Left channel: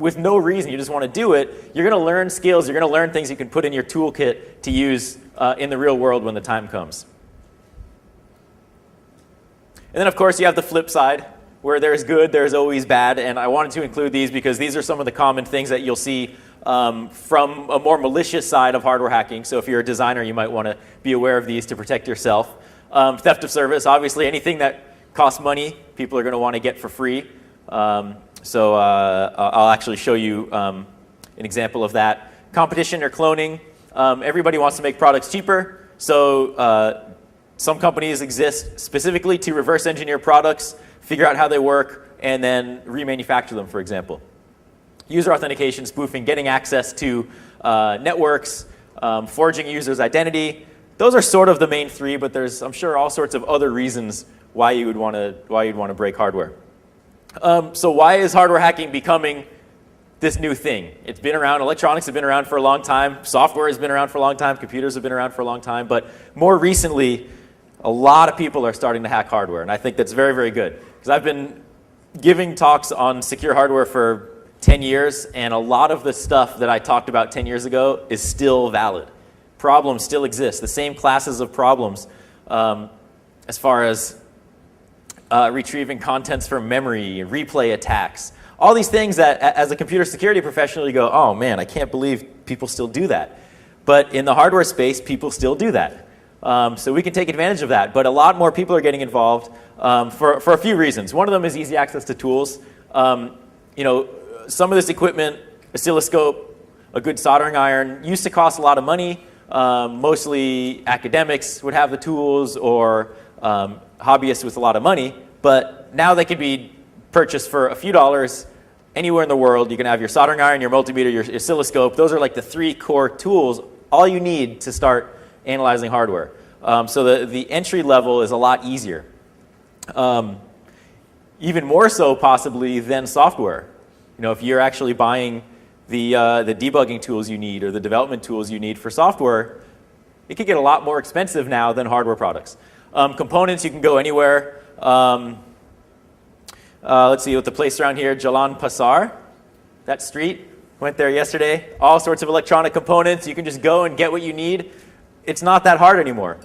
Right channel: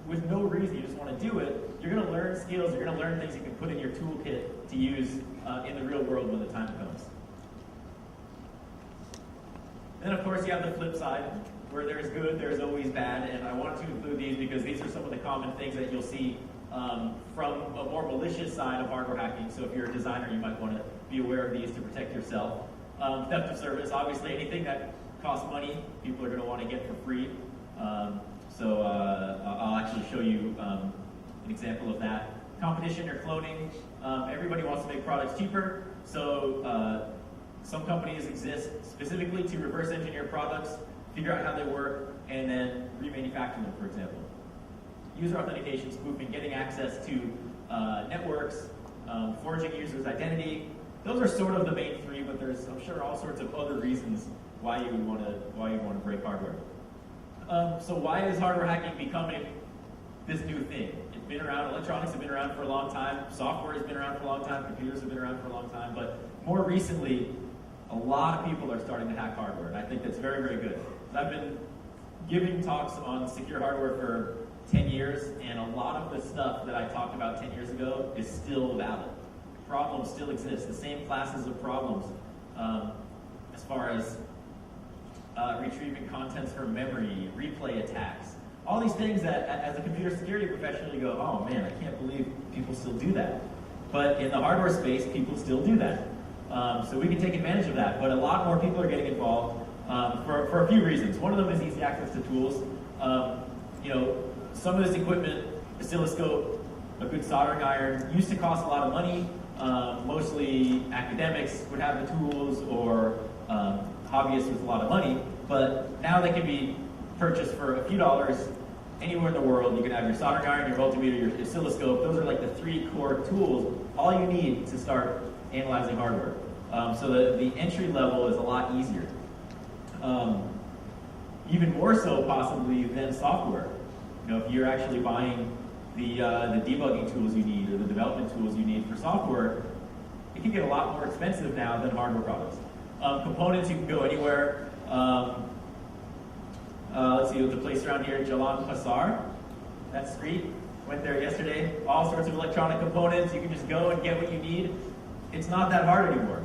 with no reason, you just want to do it, you're going to learn skills, you're going to learn things you can put in your toolkit to use in the real world when the time comes. And then, of course, you have the flip side, where there's good, there's always bad, and I wanted to include these because these are some of the common things that you'll see from a more malicious side of hardware hacking. So if you're a designer, you might want to be aware of these to protect yourself. Theft of service, obviously anything that costs money, people are going to want to get for free. So I'll actually show you an example of that. Competition or cloning. Everybody wants to make products cheaper. So some companies exist specifically to reverse engineer products, figure out how they work, and then remanufacture them, for example. User authentication, spoofing, getting access to networks, forging a user's identity. Those are sort of the main three, but there's, I'm sure, all sorts of other reasons why you'd want to break hardware. So why is hardware hacking becoming this new thing? It's been around. Electronics have been around for a long time. Software has been around for a long time. Computers have been around for a long time. But more recently, a lot of people are starting to hack hardware. And I think that's very, very good. Because I've been giving talks on secure hardware for 10 years. And a lot of the stuff that I talked about 10 years ago is still valid. Problems still exist. The same classes of problems as far as retrieving contents from memory, replay attacks. All these things that, as a computer security professional, you go, oh man, I can't believe people still do that. But in the hardware space, people still do that. So we can take advantage of that. But a lot more people are getting involved for a few reasons. One of them is easy access to tools. Some of this equipment, oscilloscope, a good soldering iron, used to cost a lot of money. Mostly academics would have the tools, or hobbyists with a lot of money. But now they can be purchased for a few dollars anywhere in the world. You can have your soldering iron, your multimeter, your oscilloscope. Those are like the 3 core tools, all you need to start analyzing hardware. So the entry level is a lot easier. Even more so possibly than software. If you're actually buying the debugging tools you need or the development tools you need for software, it could get a lot more expensive now than hardware products. Components, you can go anywhere. Let's see, with the place around here, Jalan Pasar, that street, went there yesterday. All sorts of electronic components. You can just go and get what you need. It's not that hard anymore.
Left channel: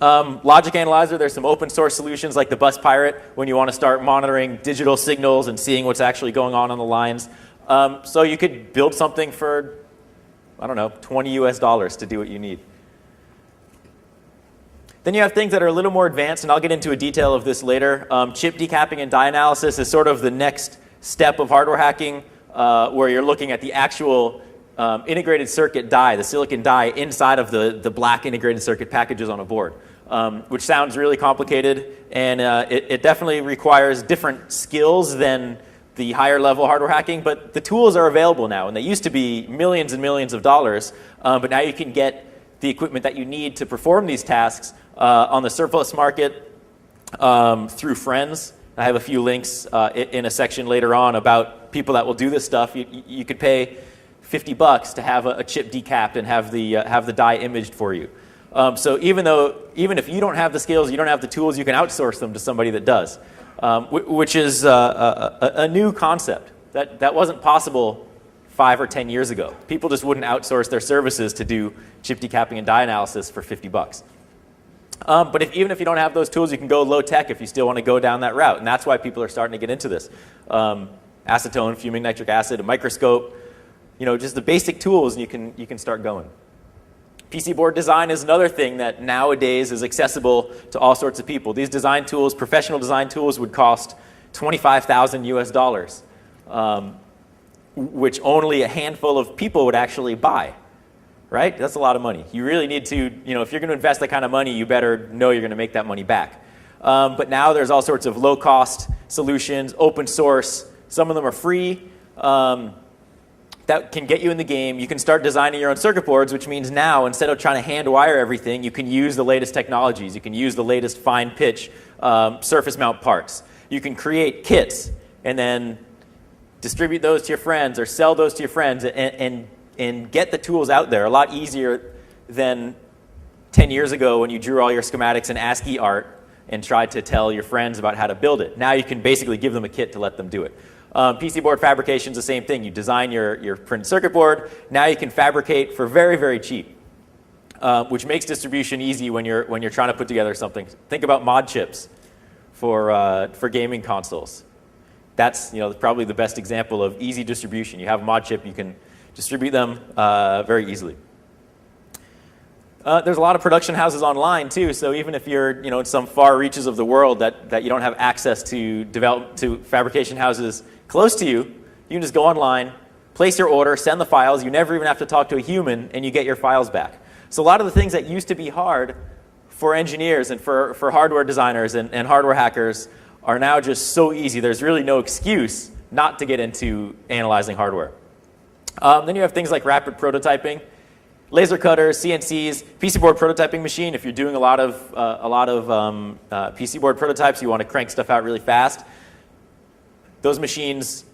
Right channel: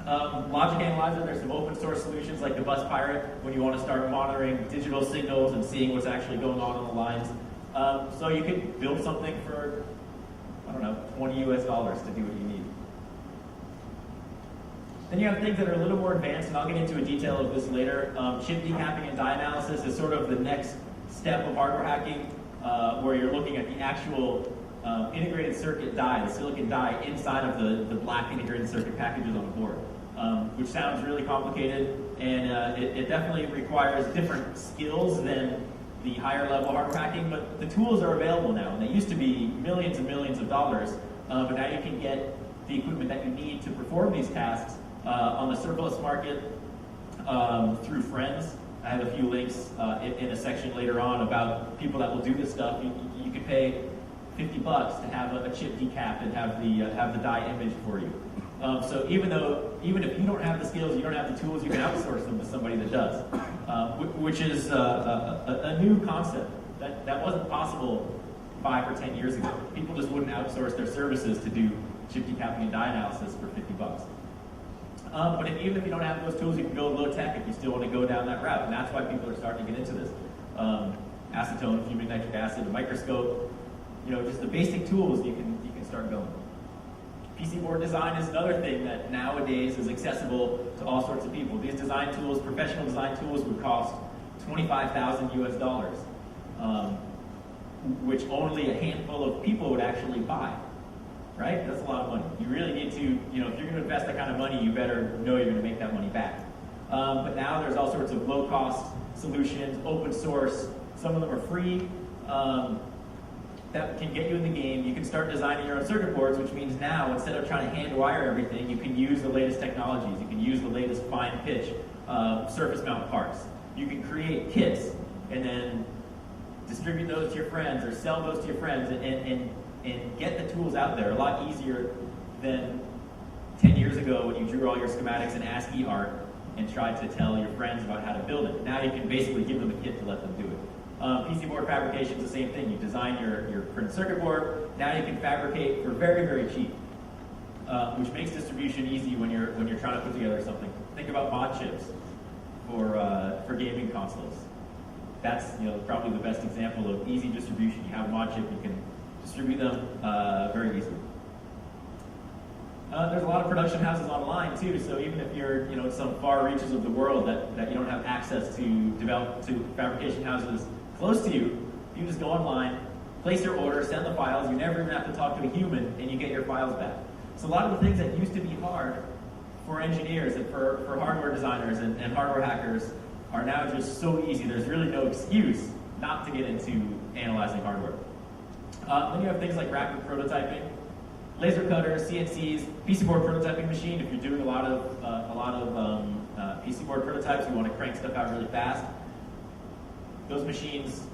Logic Analyzer, there's some open source solutions like the Bus Pirate when you want to start monitoring digital signals and seeing what's actually going on the lines. So you could build something for, I don't know, $20 US to do what you need. Then you have things that are a little more advanced, and I'll get into a detail of this later. Chip decapping and die analysis is sort of the next step of hardware hacking, where you're looking at the actual integrated circuit die, the silicon die, inside of the black integrated circuit packages on a board, which sounds really complicated, and it definitely requires different skills than the higher level hardware hacking, but the tools are available now, and they used to be millions and millions of dollars, but now you can get the equipment that you need to perform these tasks on the surplus market through friends. I have a few links in a section later on about people that will do this stuff. You could pay $50 to have a chip decapped and have the die imaged for you. So even if you don't have the skills, you don't have the tools, you can outsource them to somebody that does, which is a new concept that wasn't possible 5 or 10 years ago. People just wouldn't outsource their services to do chip decapping and die analysis for $50. But even if you don't have those tools, you can go low tech if you still want to go down that route, and that's why people are starting to get into this. Acetone, fuming nitric acid, a microscope, just the basic tools, and you can start going. PC board design is another thing that nowadays is accessible to all sorts of people. These design tools, professional design tools, would cost $25,000 US, which only a handful of people would actually buy. Right? That's a lot of money. You really need to, if you're going to invest that kind of money, you better know you're going to make that money back. But now there's all sorts of low-cost solutions, open source. Some of them are free. That can get you in the game. You can start designing your own circuit boards, which means now, instead of trying to hand wire everything, you can use the latest technologies. You can use the latest fine pitch surface mount parts. You can create kits and then distribute those to your friends or sell those to your friends and get the tools out there a lot easier than 10 years ago when you drew all your schematics in ASCII art and tried to tell your friends about how to build it. Now you can basically give them a kit to let them do it. PC board fabrication is the same thing. You design your printed circuit board. Now you can fabricate for very, very cheap, which makes distribution easy when you're trying to put together something. Think about mod chips for gaming consoles. That's probably the best example of easy distribution. You have a mod chip, you can distribute them very easily. There's a lot of production houses online too, so even if you're in some far reaches of the world that you don't have access to fabrication houses close to you, you can just go online, place your order, send the files. You never even have to talk to a human, and you get your files back. So a lot of the things that used to be hard for engineers and for hardware designers and hardware hackers are now just so easy. There's really no excuse not to get into analyzing hardware. Then you have things like rapid prototyping, laser cutters, CNCs, PC board prototyping machine. If you're doing a lot of PC board prototypes, you want to crank stuff out really fast. Those machines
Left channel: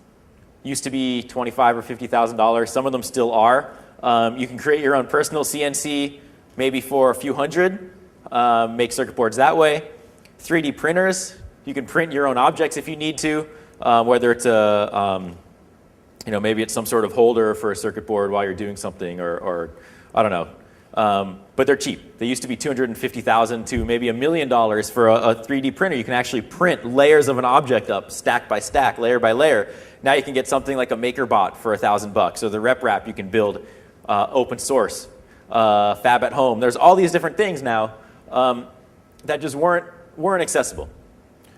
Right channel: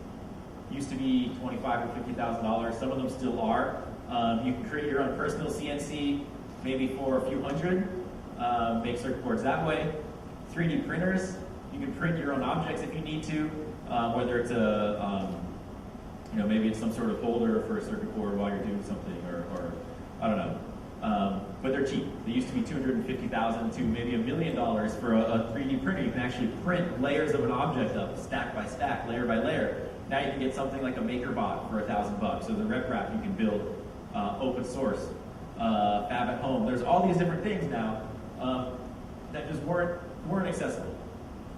used to be $25,000 or $50,000. Some of them still are. You can create your own personal CNC, maybe for a few hundred. Make circuit boards that way. 3D printers. You can print your own objects if you need to, whether it's maybe it's some sort of holder for a circuit board while you're doing something, or I don't know. But they're cheap. They used to be $250,000 to maybe $1 million for a 3D printer. You can actually print layers of an object up, stack by stack, layer by layer. Now you can get something like a MakerBot for $1,000. So the RepRap you can build open source, fab at home. There's all these different things now that just weren't accessible.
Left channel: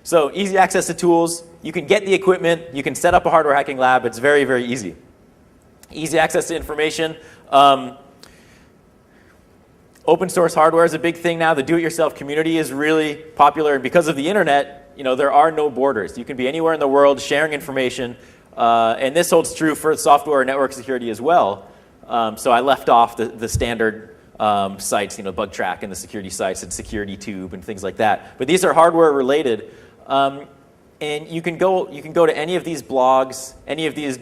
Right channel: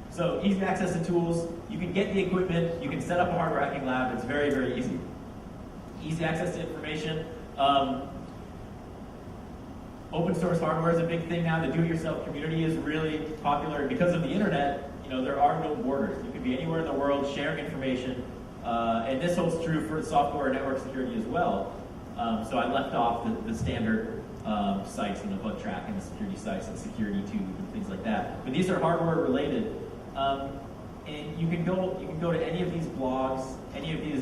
So easy access to tools. You can get the equipment. You can set up a hardware hacking lab. It's very, very easy. Easy access to information. Open source hardware is a big thing now. The do-it-yourself community is really popular. And because of the internet, there are no borders. You can be anywhere in the world sharing information. And this holds true for software and network security as well. So I left off the standard sites, Bug Track and the security sites and SecurityTube and things like that. But these are hardware related. And you can go to any of these blogs, any of these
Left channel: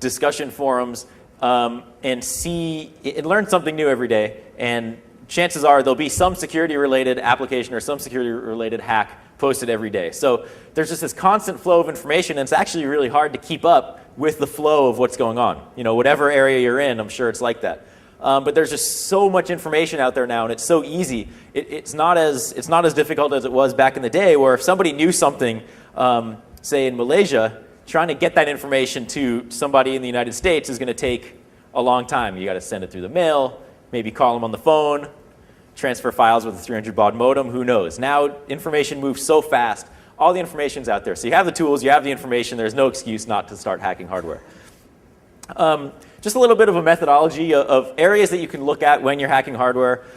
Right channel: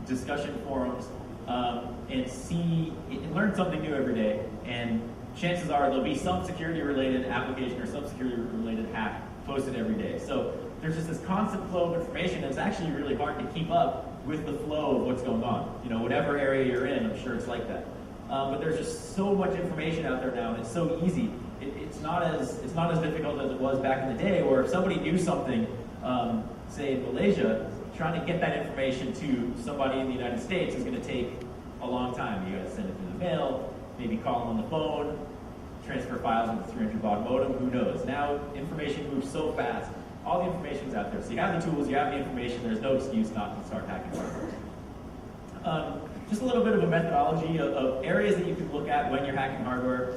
discussion forums, and see and learn something new every day. And chances are there'll be some security-related application or some security-related hack posted every day. So there's just this constant flow of information, and it's actually really hard to keep up with the flow of what's going on. Whatever area you're in, I'm sure it's like that. But there's just so much information out there now, and it's so easy. It's not as difficult as it was back in the day, where if somebody knew something, say in Malaysia, trying to get that information to somebody in the United States is going to take a long time. You got to send it through the mail, maybe call them on the phone, transfer files with a 300 baud modem. Who knows? Now information moves so fast. All the information's out there. So you have the tools, you have the information. There's no excuse not to start hacking hardware. Just a little bit of a methodology of areas that you can look at when you're hacking hardware.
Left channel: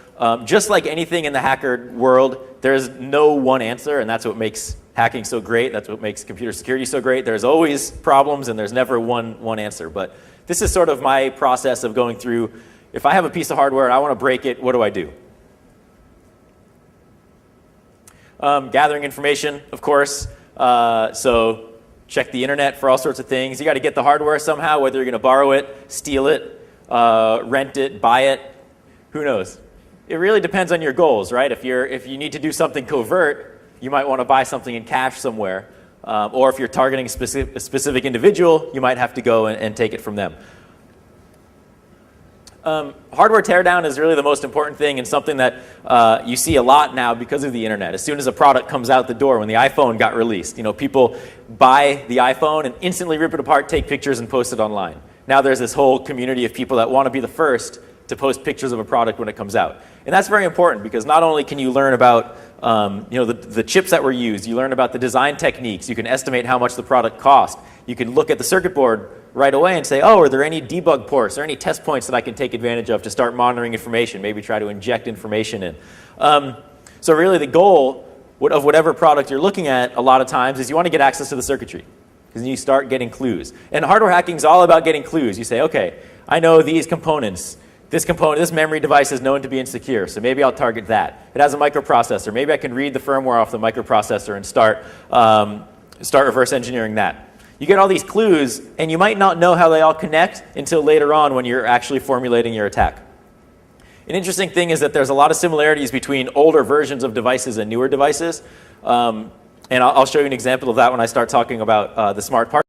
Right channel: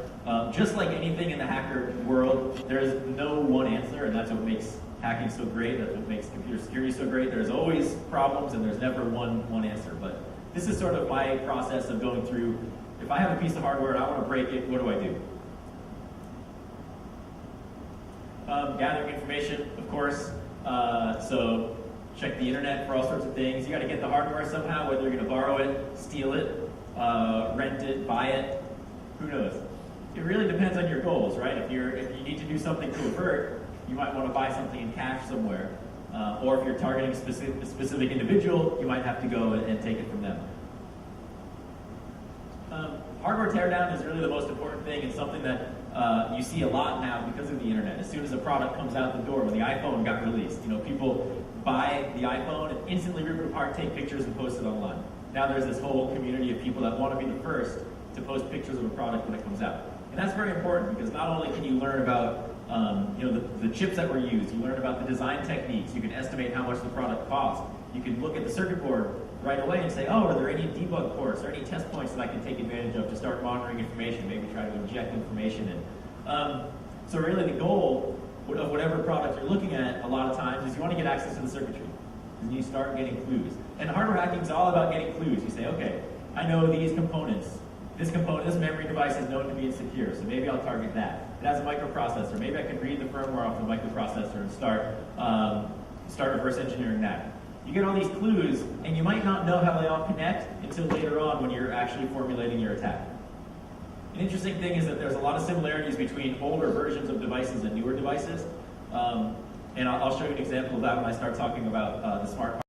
Just like anything in the hacker world, there's no one answer, and that's what makes hacking so great. That's what makes computer security so great. There's always problems, and there's never one answer. But this is sort of my process of going through, if I have a piece of hardware and I want to break it, what do I do? Gathering information, of course. So check the internet for all sorts of things. You got to get the hardware somehow, whether you're going to borrow it, steal it, rent it, buy it. Who knows? It really depends on your goals, right? If you need to do something covert, you might want to buy something in cache somewhere. Or if you're targeting a specific individual, you might have to go and take it from them. Hardware teardown is really the most important thing, and something that you see a lot now because of the internet. As soon as a product comes out the door, when the iPhone got released, people buy the iPhone and instantly rip it apart, take pictures, and post it online. Now there's this whole community of people that want to be the first to post pictures of a product when it comes out. And that's very important, because not only can you learn about the chips that were used, you learn about the design techniques, you can estimate how much the product cost. You can look at the circuit board right away and say, oh, are there any debug ports or any test points that I can take advantage of to start monitoring information, maybe try to inject information in. So really the goal of whatever product you're looking at a lot of times is you want to get access to the circuitry, because you start getting clues. And hardware hacking is all about getting clues. You say, okay, I know these components. This memory device is known to be insecure, so maybe I'll target that. It has a microprocessor. Maybe I can read the firmware off the microprocessor and start reverse engineering that. You get all these clues, and you might not know how they all connect until later on when you're actually formulating your attack. An interesting thing is that there's a lot of similarities between older versions of devices and newer devices. And I'll show you an example of that when I start talking about the smart part.